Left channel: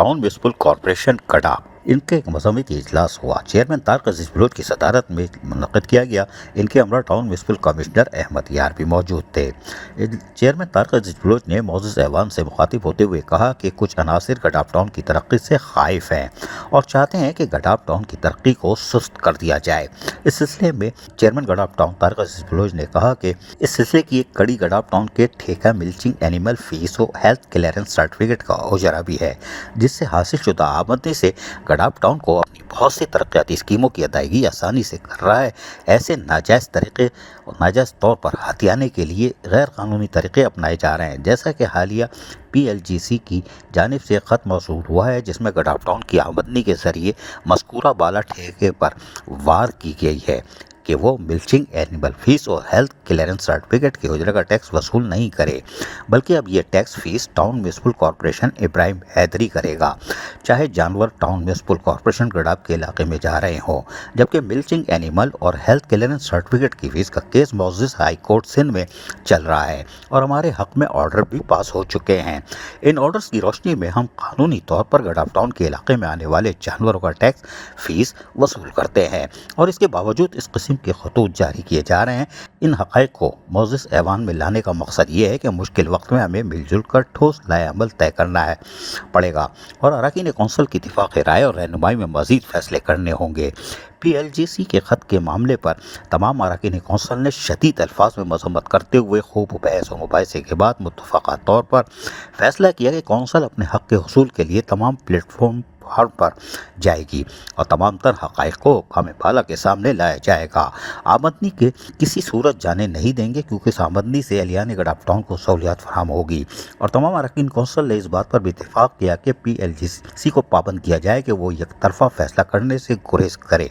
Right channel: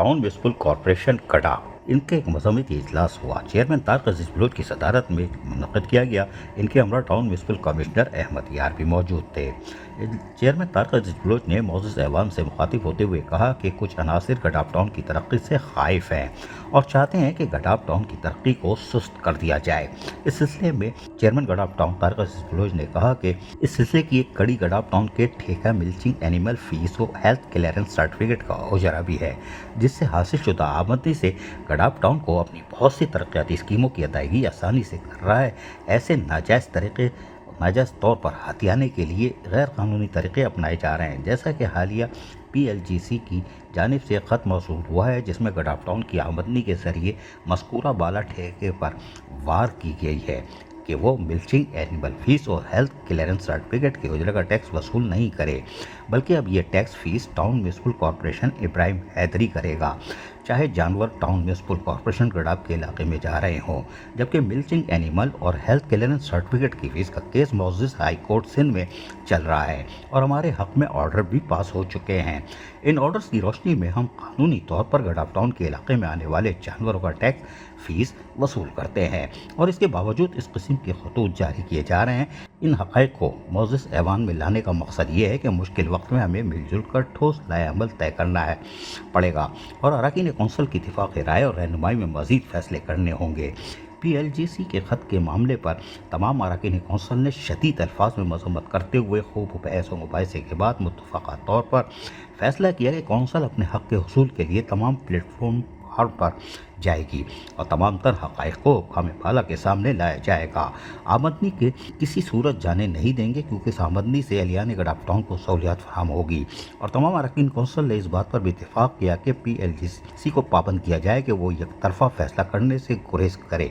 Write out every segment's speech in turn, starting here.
Town municipal corporation कड़ा इनके एक मजम्मती इजलास हुआ। चेयरमैन तारिक अजीज बलोच की सदारत में मुनक़िद किया गया। इनके हमरा टाउन म्यूनसिपल कमिश्नर अहमद यार भी मौजूद थे। चेयरमैन तारिक अजीज बलोच ने मौजूद ऐवान से मुखातिब होते हुए कहा कि कुछ अनासिर गडाफ टाउन की तरक्की से खाइफ हैं और चाहते हैं कि गडाफ टाउन की तरक्की को सुस्त कर दिया जाए। इस सिलसिले में चेयरमैन गडाफ टाउन तारिक अजीज बलोच ने कहा कि इस सिलसिले की एक कड़ी गडाफ टाउन के ठेका मिल्चिंग एनिमल फीस और हेल्थ क्लियरेंस सर्टिफिकेट का उजरा भी है, जिससे हासिल शुदा आमदनी से गडाफ टाउन को अपनी बहुत सी तरक्याती स्कीमों की अदायगी आसानी से कर रहा है। ऐसे नाजायज़ तौर पर हथियाने के लिए गैर कानूनी तरीके अपनाए जा रहे हैं, जैसा कि हालिया PLGC की जानिब से ख़त मौसूल हुआ है, जिसमें गडाफ टाउन की आमदनी के ज़रिए मज़कूरा बाला ठेके पर वार की गई है कि वो मिल्चिंग एनिमल फीस और हेल्थ क्लियरेंस सर्टिफिकेट के उजरे का टैक्स वसूल नहीं करे, बल्कि अब ये tax fees town municipal corporation Ibrahim Hyderi करेगा, चाहे जानवर टाउन म्यूनसिपल कॉरपोरेशन गडाफ के इलाके में जा रहे हों। जबकि मिल्चिंग एनिमल और हेल्थ क्लियरेंस सर्टिफिकेट की फीस का केस मौजूद हाई कोर्ट सिंध में चल रहा है और हमारे हक में ऑर्डर भी पास हो चुके हैं। इन ऑर्डर्स की रोशनी में हम कानूनी तौर पर गडाफ टाउन के इलाके में आने वाले जानवरों का टैक्स फीस वसूल करते हैं और इसके बावजूद इस किस्म के खतूत जारी किए जा रहे हैं। इन हक़ाइक़ को मौजूद ऐवान में लाने का मकसद ये है कि मुश्किल वक्त में हमें मिलजुल कर ठोस लाए अमल तय करना पड़ेगा और अरकान कौंसिल की इत्तिफ़ाक़ राय और रहनुमाई में मज़ीद फैसले करने होंगे। PLGC के ख़त के मामले पर तमाम अरकान कौंसिल ने शदीद अल्फाज में मज़म्मत करते हुए खूब बहस व मुबाहिसे के बाद मुत्तफ़क़ा तौर पर फैसला किया कि कौंसिल अपने हक़ के हुसूल के लिए तमाम प्लेटफॉर्म पर जाएगी और तमाम तर हक़ाइक़ को हुक्काम बाला के सामने लाया जाएगा। आमदनी के किसी सूरत जाने नहीं देंगे, क्योंकि इस आमदनी से अलियान गडाफ टाउन को सहूलियात फराहम होगी। और तमाम अरकान कौंसिल ने इस बात पर भी इत्तेफाक किया कि PLGC को पाबंद किया जाए कि वो एक तरफा फैसला करने से गुरेज करे।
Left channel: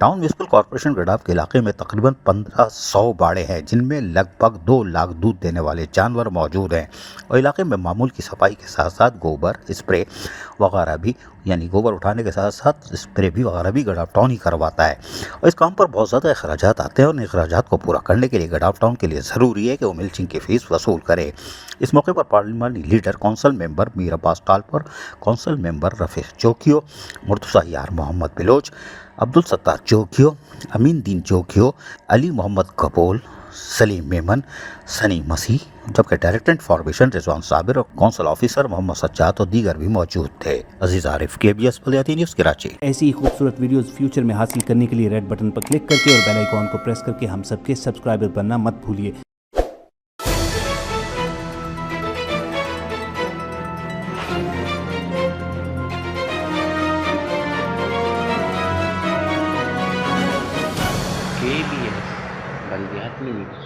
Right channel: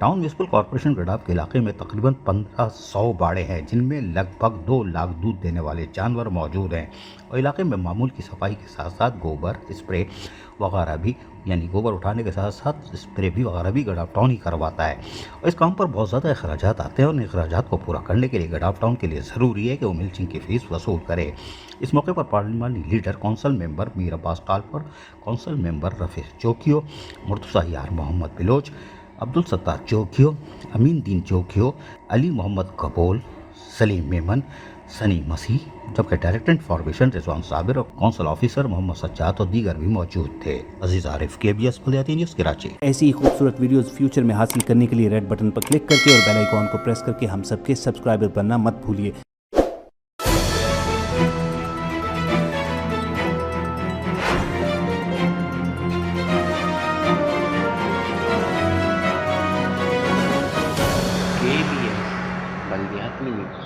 टाउन म्यूनसिपल कॉरपोरेशन गडाफ के इलाके में तकरीबन 1500 बाड़े हैं, जिनमें लगभग 2 लाख दूध देने वाले जानवर मौजूद हैं और इलाके में मामूल की सफाई के साथ साथ गोबर स्प्रे वगैरह भी, यानी गोबर उठाने के साथ साथ स्प्रे भी वगैरह भी गडाफ टाउन ही करवाता है और इस काम पर बहुत ज़्यादा अखराजात आते हैं और इन अखराजात को पूरा करने के लिए गडाफ टाउन के लिए ज़रूरी है कि वो मिल्चिंग की फ़ीस वसूल करे। इस मौके पर पार्लिमानी leader council member Mir Abbas Talpur, council member Rafiq Jogiyo, Murtaza Yar Muhammad Baloch, Abdul Sattar Jogiyo, Amin Din Jogiyo, Ali Mohammad कबूल, सलीम मेमन, सनी मसीह, जबकि डायरेक्टर इन्फॉर्मेशन रिजवान साबिर और कौंसिल ऑफिसर मोहम्मद सज्जाद और दीगर भी मौजूद थे। अजीज आरिफ, KBS बलियाती न्यूज़, कराची। ऐसी ही खूबसूरत वीडियोस फ्यूचर में हासिल करने के लिए रेड बटन पर क्लिक करके और बेल आइकॉन को प्रेस करके हम सबके सब्सक्राइबर बनना मत भूलिए। KBS बलियाती न्यूज़।